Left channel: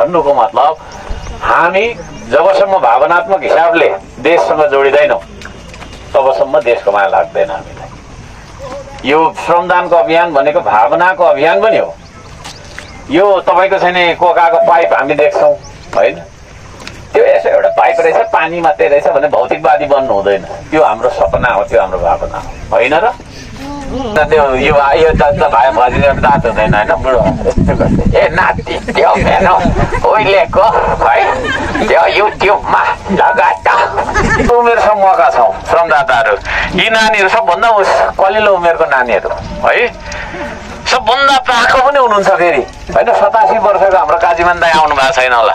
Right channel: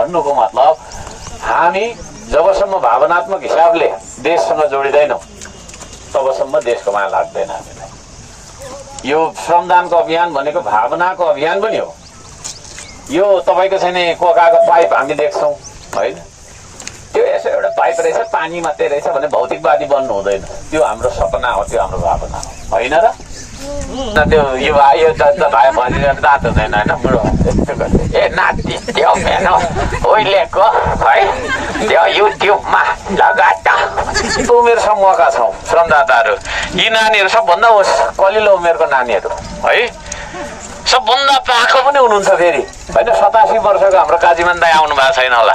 भन्नुको मतलब हामी जबसम्म भावनात्मक हिसाबले देशसँग जोडिँदैनौँ तबसम्म देशको माया लाग्दैन हामीलाई। यो श्रमदानको अभियान भनेको भावनाको अभियान पनि हो। यो तपाईँको छैन कोकाको पाइप हामी देख्छौँ होइन, त्यो यसो एउटा पाइप रहेछ पानी मात्रै रहेछ भने भौतिकवादी बन्नु हुँदैन। त्यो हाम्रो सपना हो, त्यो हाम्रो भावना हो होइन र? त्यो यो भाइ भनिदिएर दाँत हुँदैन होइन बुढो यस्तो गर्छ। ए नाति त्यो मेरो उहिलेको है त्यो युट्युबमा लगाता उमेर समूहका छौँ श्रमदाताहरू। यी नानीहरू सबभन्दा कलिलो उमेरको नानीहरू है, सबभन्दा पाखो पनि हुनुहुन्छ फेरि होइन। 87 वर्षको हाम्रो काजीमान दाइ आउनु भएको छैन होला।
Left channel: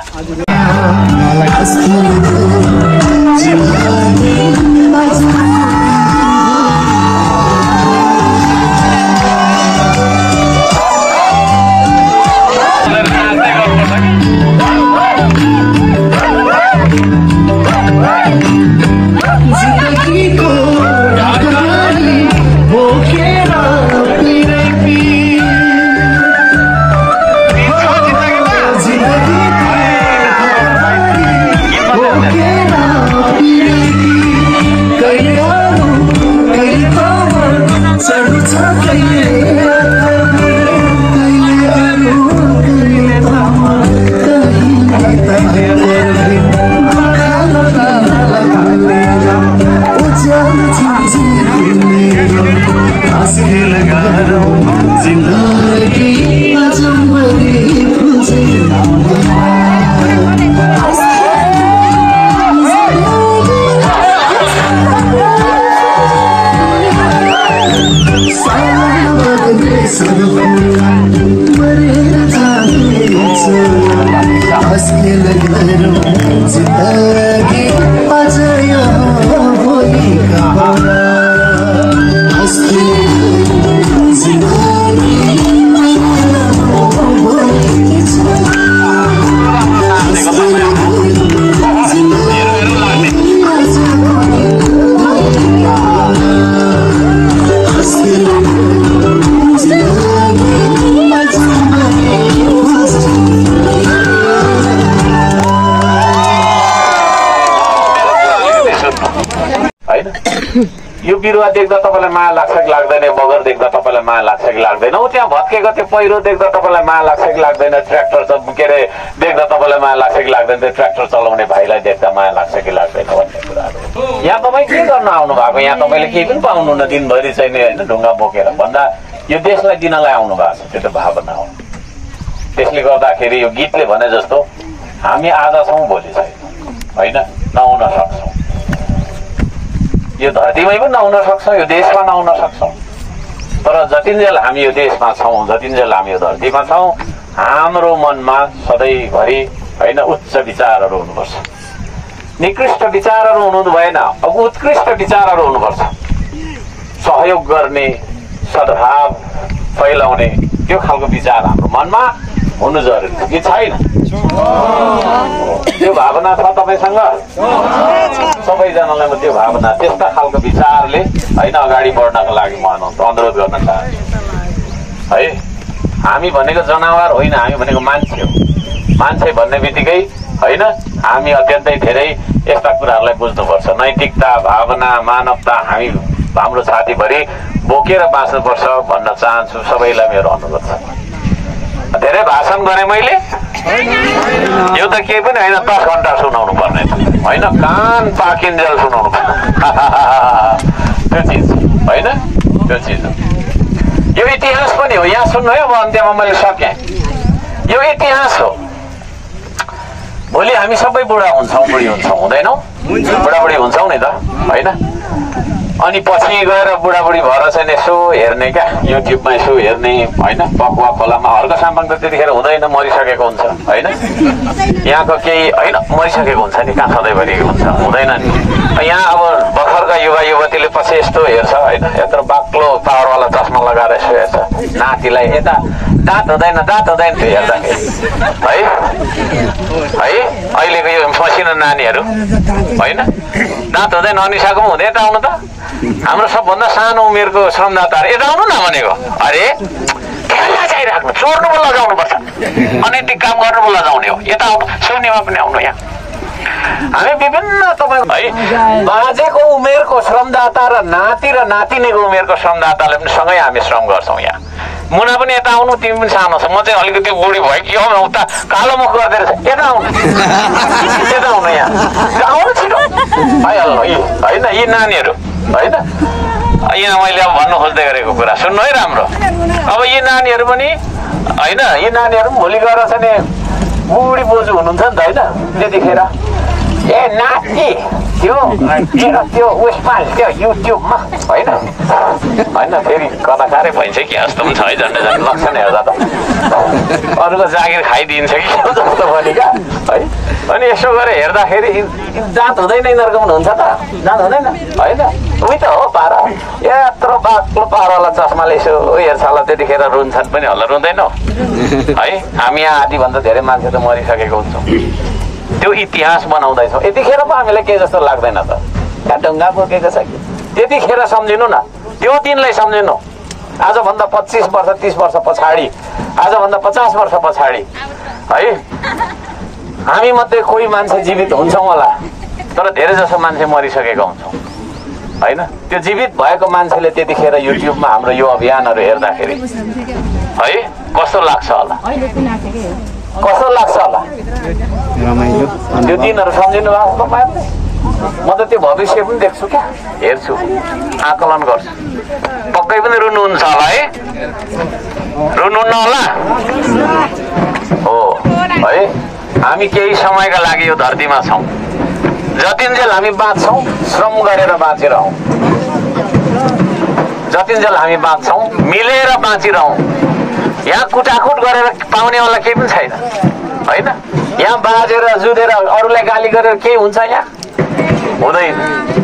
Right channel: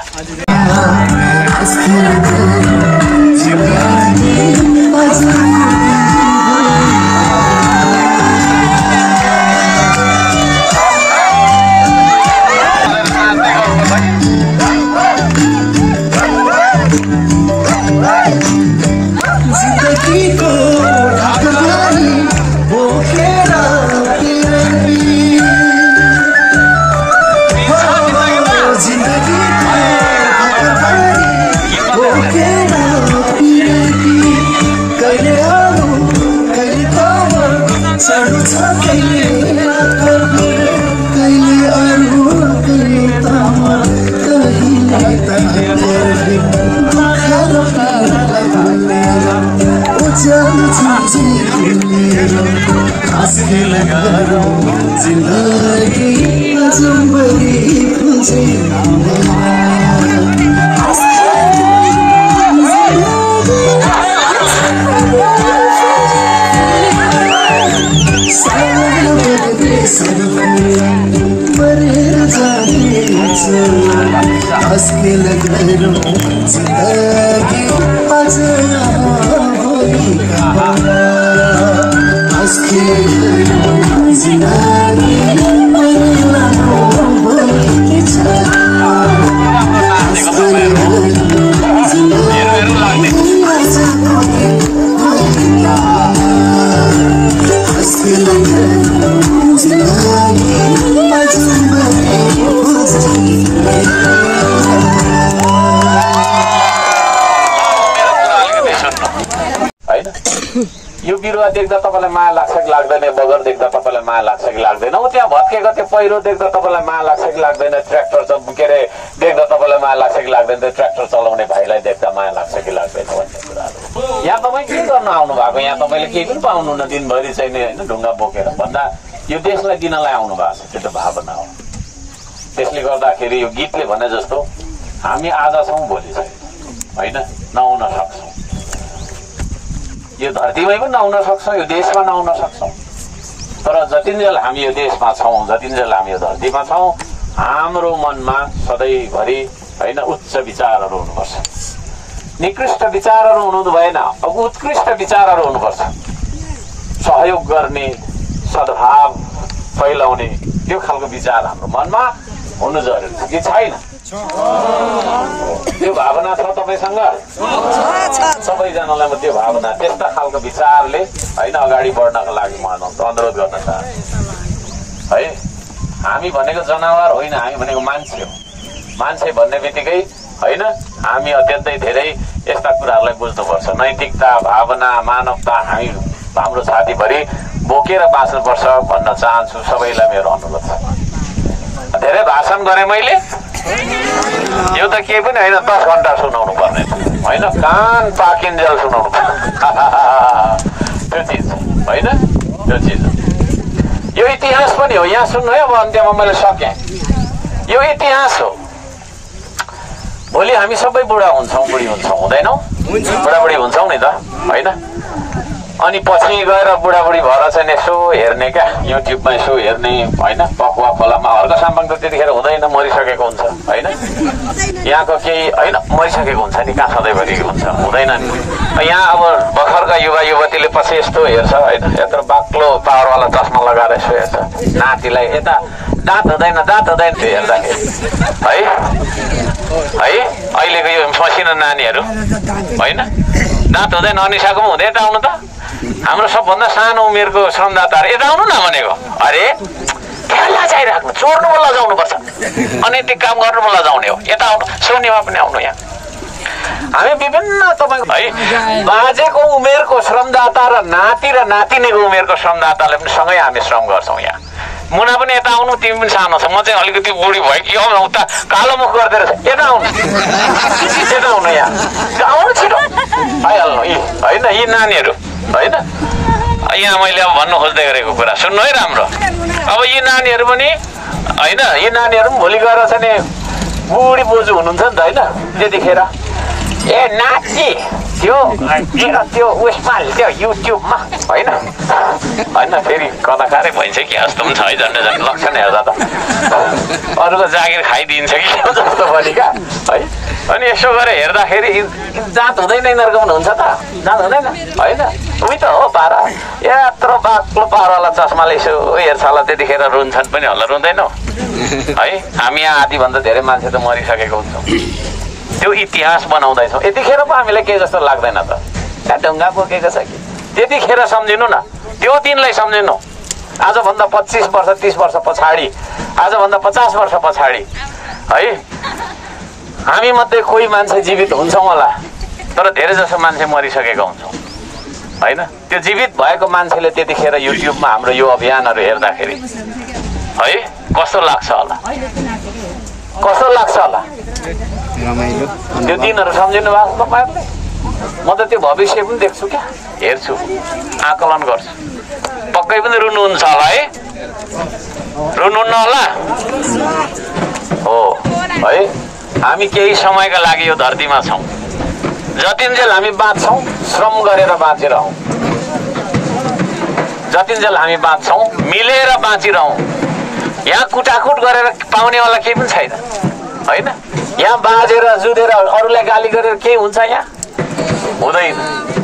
यो बिरुवा देख्दा तपाईँलाई माया लाग्छ कि लाग्दैन? बगर देख्दा तपाईँलाई माया लाग्छ कि लाग्दैन? त्यहाँ भत्केको त्यो पहिरो देख्दा तपाईँलाई माया लाग्छ कि लाग्दैन? ट्र्याक्टर के अरे देख्दा तपाईँलाई माया लाग्छ कि लाग्दैन? त्यो ट्र्याक्टर चलाउने भाइलाई देख्दा माया लाग्छ कि लाग्दैन भन्ने कुराहरू। यहाँ तपाईँ के गर्न आउनु भएको? यहाँ तपाईँले केही पनि पाउनुहुन्न दिनभरि चाहिँ होइन ढुङ्गा बोकेर भन्दा यो देशलाई दिनलाई आउनु भएको छ। त्यो त भावना हो। त्यसले गर्दाखेरि यो गीतले भने जस्तो हामी आज छौँ भोलि छैन होइन, नआउन सक्छौँ। यो धरतीमै पनि नहुन सक्छ, यो देशमा नहुन सक्छौँ। तर जतिन्जेल हामी यो देशमा छौँ, जतिन्जेल हामी यो धरतीमा छौँ, हाम्रो मनमा सधैँभरि होइन उच्च विचारहरू हुनुपर्छ। निकृष्ट विचारहरू हुनु भएन, अब उत्कृष्ट विचारहरू हुनुपर्छ। सहयोग गर्ने, सद्भाव फैलाउने त्यो खालको विचार हाम्रो मनमा हुनु जरुरी छ कि छैन? त्यो भावना छ तपाईँसँग? सबैजनालाई म त्यो भावना त्यस्ता खालको विचारले होइन अगाडि बढ्नको लागि म अनुरोध गर्न चाहन्छु है। हामी भनेको जनावर होइन, हामी भनेको मान्छे हो। मान्छे भन्ने बित्तिकै होइन हामी अत्यन्तै धेरै यस्ता कुराहरूलाई बुझ्नुपर्छ। नैतिकता, भावना, मानवता हामी हाम्रो छातीभरि बोकेर बाँच्नुपर्छ भन्न चाहन्छु। सबैलाई मेरो अनुरोध छ। धेरै भाषण गरेँ मैले, यो त केही पनि होइन, 10 घन्टा सुनाउनु पर्ने होइन, कान पाकिन्जेल सुनाउनु पर्ने त्यो चिज होइन, त्यो चिज हो। यो इतिहास पनि हो। यहाँ सुन्नु है, अब अन्त्यमा मैले सकेँ। यो इतिहास हो। भोलि हामी सबै बुढा हुन्छौँ, बुढी हुन्छौँ, हुँदैनौँ? बुढाबुढी हुन्छौँ नि त होइन? अनि पछि गएर बुढाबुढी भएर चाहिँ यसो हेर्ने क्या, युट्युबमा यसो हेर्ने होइन, पकुवा खोलामा हर्क साम्बाङ त त्यतिखेर हुँदैन, मरिसकेको हुन्छ होइन। यहाँको केही होइन मरिसकेको हुन्छ नि, कहाँ सधैँभरि हुन्छ, हुँदैन नि। यहाँ अब भर्खरका युवा युवतीले पछि यस्तो हेर्छ होइन, यत्रो बाक्लो पावरवाला चस्मा लगाएर यसो हेर्छ नातिलाई, यता दाँत हुँदैन, दाँत हुँदैन त्यो हेर्दाखेरि है। है अहिलेको यो मसिनो नानीहरू होइन, दाँत हुँदैन, अनिसाको पनि हुँदैन। यता आउनु त, हाम्रो सबभन्दा सानो उमेरको श्रमदाताहरू यता आउनु न भनेको। अरे त्यहाँ लाचाइराख्नु, चोर्नु पनि लजाउनुपर्छ, अनैतिक काम गर्नु पनि लजाउने हो। यता आउनु, सुन्नेमा पनि आउनु। यहाँ हामी विभिन्न तपाईँको है बाजेको उमेरको श्रमदाता र नाति र नातिनीको उमेरको श्रमदाताले पनि सँगै हामी श्रम गर्छौँ। यहाँ मुना पनि यता आउनु, तिमी पनि सानो छ, म चाहिँ अलिकति बुढी भयो कि उता कालो मुख गर्दै रहेछ, यता आउनु, यता आउनु, यहाँ आउनु छिटो आइहाल्नु। होइन यी नानीहरू होइन, यहाँ मैले अब भन्नु खोज्दै गरेको कुरा सुन्नु है राम्रो। अब यी नानीहरू पनि होइन, यी नानीहरू पनि भोलि गएर चाहिँ नि बुढी बोजू हुनुहुन्छ नि त होइन, त्यतिखेर ए नाति त्यो त्यो उयसमा त्यो युट्युबमा होइन होइन फेरि कलाकारै भइन्छ कि जस्तो पनि छ है, झन्डै झन् लक्षण हेर्दा त अरूको जागिर खाइदिन्छ कि जस्तो पनि क्या है। अनि यसो गरेर हेर्दाखेरि जाँच हुँदैन, यिनीहरूको पनि हुन्छ त, जाँच हुँदैन होइन। उही त हो पारा, यत्रो बाक्लो पारालाई चस्माले यसो हेर्छ होला, त्यतिखेर रुन्छन् पनि होला, रुँदैनौ है। हामी यहाँ आधीभन्दा धेरै मान्छे त मरिसकेको हुन्छौँ, त्यो इतिहास बनाउँदैछौँ। यतिखेर पो हामीलाई के जस्तो लाग्दैन त, त्यहाँ ढुङ्गा बोकेको छ कि, त्यतिखेर सम्झिनु न, त्यो दिनलाई सम्झिनु। आजभन्दा 25 वर्ष 30 वर्ष पछाडि, आजभन्दा 50 वर्ष पछाडि है हामी मध्ये कोही मान्छे जीवित हुन्छौँ होला, तर धेरै जसो मान्छे मरिसकेका हुन्छौँ होइन। त्यो जीवित भएको मान्छेले त्यतिखेर युट्युबमा हाम्रो यो अभियानहरू हेर्दाखेरि है कस्तो लाग्छ होला, कस्तो लाग्छ होला, त्यो दिनहरू सम्झिनु भएको तपाईँहरूले। म त त्यो भविष्य पनि देख्छु क्या, हेर्छु, आकलन गर्छु। पक्कै पनि रुनुहुन्छ होला है, रुनुहुन्न होला हो है। हामी केही समयका लागि यो धरतीमा छौँ, जतिन्जेल हामी बाँच्छौँ श्रम गरेर बाँचिरहौँ, जतिन्जेल हामी बाँच्छौँ मिलेर बाँचिरहौँ। यहाँ कुटाकुट गरेर पाउनेवाला केही पनि छैन होइन। यहाँ बाजेर जुधेर अरूलाई गाली गरेर केही हुन्छ यहाँ हुँदैन,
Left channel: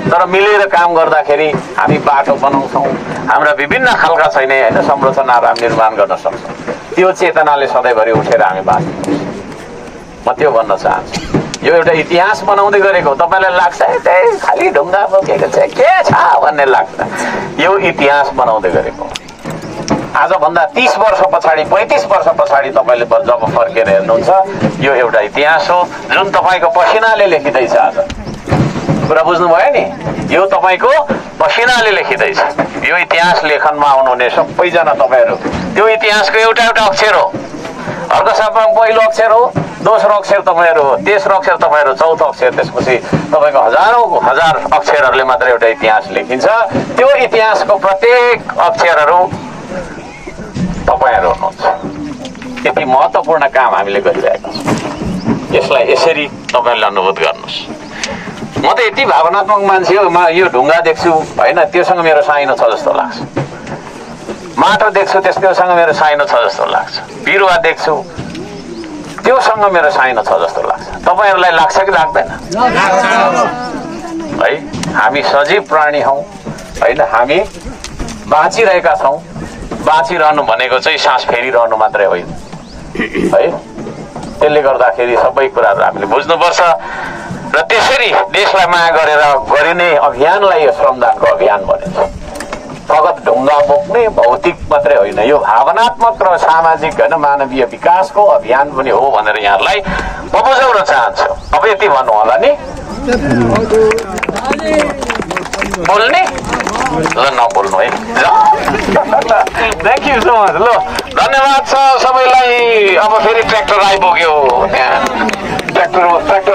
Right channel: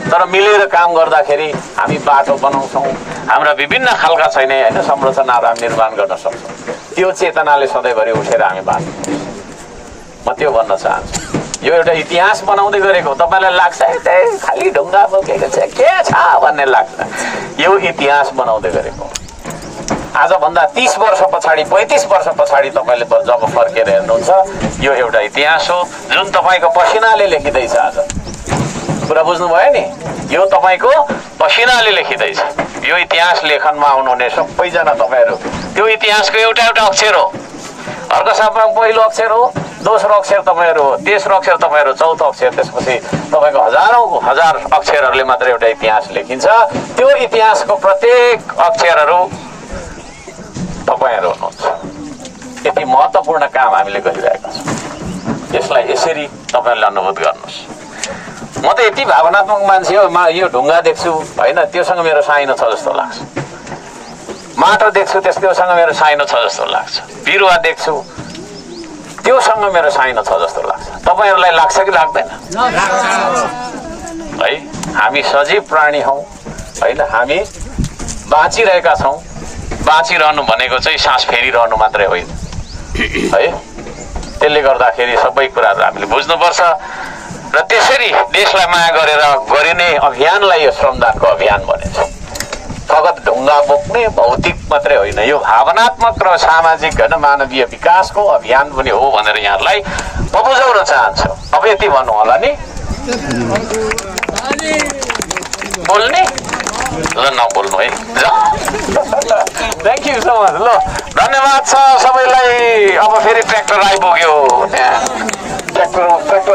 तर मिलेर काम गर्दाखेरि हामी बाटो बनाउँछौँ, हाम्रा विभिन्न खालका छैन होइन संरचनाहरू हामी निर्माण गर्न सक्छौँ। त्यो चेतनाले सधैँभरि उठेर हामी बाँच्छौँ। म त्यो भन्न चाहन्छु। यो एउटा इतिहास बनाउँदै गरेको, तपाईँलाई लाग्छ खालि ढुङ्गा बोकेको छ के छ भन्ने लाग्छ, यो इतिहास बनाउँदै गरेको। आजभन्दा 30 वर्ष पछाडि 35 वर्ष पछाडि तपाईँले जब फर्केर हेर्नुहुन्छ, यो एउटा इतिहास हो जुन तपाईँको पसिनाले लेखिँदैछ। आज कुरा बुझ्नुभयो नि, यो तपाईँको पसिनाले लेखिँदैछ। यो इतिहास लेखनमा आउनुहुने सबैजना तपाईँहरू त्यो इतिहासको एउटा एउटा अक्षर हो। अर्को सबमा पहिलो अक्षर हो, दोस्रो अक्षर तपाईँहरू हो, तेस्रो अक्षर तपाईँहरू, चौथो अक्षर, त्यसपछि तपाईँको हजार अक्षरहरूले मात्र एउटा इतिहास लेखिन्छ। त्यो इतिहासको प्रत्येक अक्षरहरू तपाईँहरू हुनुहुन्छ। यति महत्त्वपूर्ण काम हामीले गरिरहेका छौँ, यसलाई यसरी तपाईँले अनुभूत गर्नुहोस्। म त यति भावनात्मक मान्छे हो, म यो ढुङ्गा देख्छु होइन, त्योसँग मेरो साइनो छ जस्तो लाग्छ। माटो देख्छु त्यससँग मेरो साइनो छ जस्तो लाग्छ। बिरुवा देख्छु त्योसँग मेरो साइनो छ जस्तो लाग्छ। तपाईँहरूलाई लाग्छ कि लाग्दैन है? हामी सजीव प्राणी हौँ होइन, हामी बाँचिरहेका छौँ। बाँचिरहनु भनेको चाहिँ सास फेरिरहनु मात्रै होइन है। त्यसले गर्दाखेरि सबै कुराहरू हामीले बुझ्नुपर्छ र त्यसरी देशलाई माया गरेर गरिने अभियानलाई यो श्रमदानको अभियान भनिन्छ। फगत ढुङ्गा बोक्ने भौतिक मात्रै होइन, यो भावनात्मक र सामाजिक होइन मानवीय विकासको अभियान पनि हो भनेर यहाँहरूलाई म बुझाउन चाहन्छु। अब यति भन्नु होला नि, बोल्ने ल नबोल्नु है। Thank you so much. ल धन्यवाद छ सबैलाई। अब फेरि ट्र्याक्टर आइपुग्यो, ट्र्याक्टर